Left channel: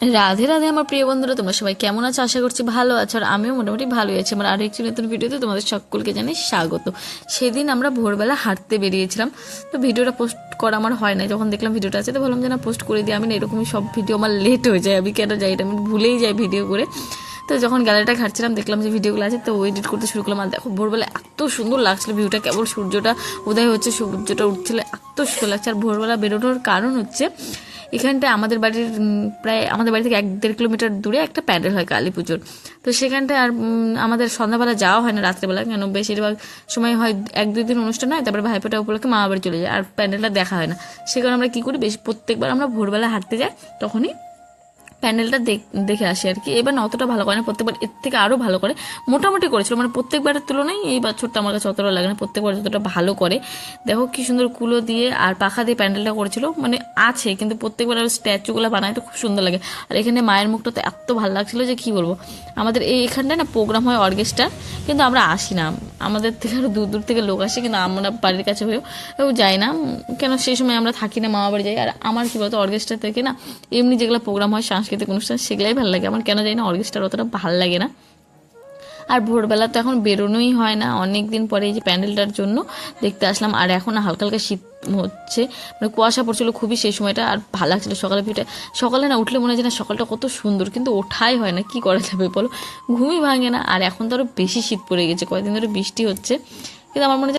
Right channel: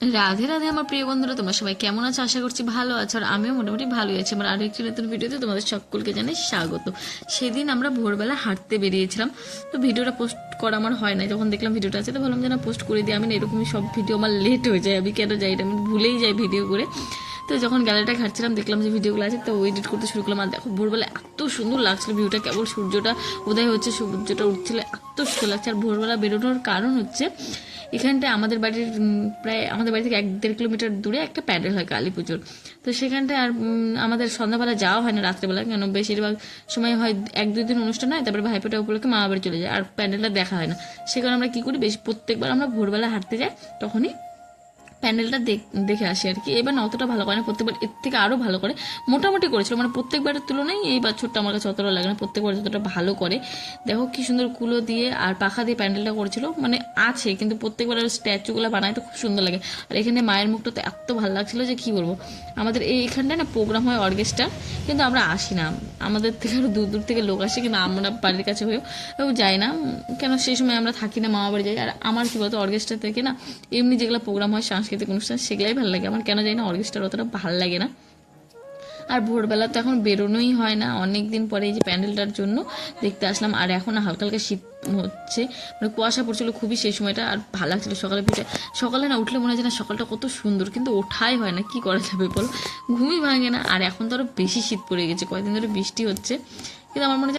রাধে রাধে আমার প্রিয় বন্ধুরা, তোমরা সবাই কেমন আছো? আশা করছি ভালো আছো, আর আমিও মোটামুটি ভালোই আছি। আমার আরও একটি নতুন ভিডিওতে তোমাদের সকলকে জানাই স্বাগত। সেদিন আমরা ভোরবেলা হাঁটতে বেরিয়েছিলাম, তো ভিডিওটা পোস্ট করা আমার হয় না। যখন দেখলাম ভিডিওটা আছে তো ভাবলাম যে না, পোস্ট করে দিই। আমি না এরকমই সব ভিডিও আমার লেট হয়ে যায়, আমি কেন যাই এটা আমি ভুলেই যাই ভিডিও করে। তো যখন গ্যালারিটা ঘাটছিলাম দেখলাম যে ভিডিওগুলো আছে, তো এডিট করতে শুরু করলাম। আর দেখো ভোরবেলা এত সুন্দর লাগছিল ভিউটা, কেবল সূর্যটা উদয় হচ্ছে, সূর্যটা উঠছিল, এত সুন্দর লাগছে। আর ভোরবেলা বেরোনোর কারণ হচ্ছে এখানটায় আমাদের বাড়ির প্রায় আমাদের বাড়ি থেকে 1-1.5 কিলোমিটার দূরে একটা প্যান্ডেল হয় কালী পুজোর। তো সেখানটায় আর আমাদের সন্ধ্যাবেলা যাওয়া হয় না, রাত্রেবেলা, কেন বেশিরভাগ সময় হয় 1-2 দিন অনুষ্ঠান হয়, তারপরে ভাইফোঁটা উপলক্ষে মামা বাড়ি চলে যায়, আর প্যান্ডেলটা দেখা হয় না। সে কারণে আমরা কী করি, বেশি প্রত্যেকবার আমরা ভোরবেলা হাঁটতে যাই, তখনই প্যান্ডেলটা দেখে আসি আর কি। এবার না অতটা ভালো করে না, প্রত্যেকবার এর থেকে আরও ভালো করে মোটামুটি করেছিল, মানে প্রত্যেকবারের তুলনায় এই বছরটা আমার কাছে অতটা লাগে না, প্রত্যেকবার যতটা ভালো করে। দেখো কি সুন্দর কুলো দিয়ে আর পাখা দিয়ে প্যান্ডেলটা করেছিল, মানে আছে কিন্তু প্রত্যেকবার স্ট্যাচুগুলো বানায় তো খুব সুন্দর লাগে। আর এখানে মায়ের মুখটা তো এত ভালো লাগছিলো যে কী বলবো। আমাদের এইখানটায় না প্রোগ্রাম হয় অর্কেস্ট্রা, কিন্তু আমরা আসি না, আমাদের থেকে আরও দূর দূর থেকে লোক আসে, কিন্তু আমরা বাড়ির কাছে হয়েও যাই না, কেন সেই সময় আমরা থাকি না, মামা বাড়ি যাই। আর আমার কী বলতো, অর্কেস্ট্রা থেকে না এমনি যেগুলো প্রোগ্রাম হয় সাংস্কৃতিক অনুষ্ঠান সেগুলাই ভালো লাগে আমার, কেন জানি না অর্কেস্ট্রার অতটা ভালো লাগে না। আর ভোরবেলা তো এখন বেরোনোই হয় না, অনেক দিন পরে এই যে প্যান্ডেলটার জন্য দেখতে আসলাম। আর এখন হালকা হালকা শীত হচ্ছে, মানে কুয়াশা পড়ছিল খুবই সেই সময়টা, আর ভালো লাগছিলো সকালে ভিড়টা। সকালে না উঠলে মনে হয় না সকালটা কত সুন্দর, কিন্তু ওঠাই হয় না, কি করা যাবে বলো, ঘুমই ভাঙে না। আর এখন তো আরও বেশি শীত পড়ে গেছে, কয়েকদিন ধরে বৃষ্টি হচ্ছে, কিন্তু আমার মনে হয়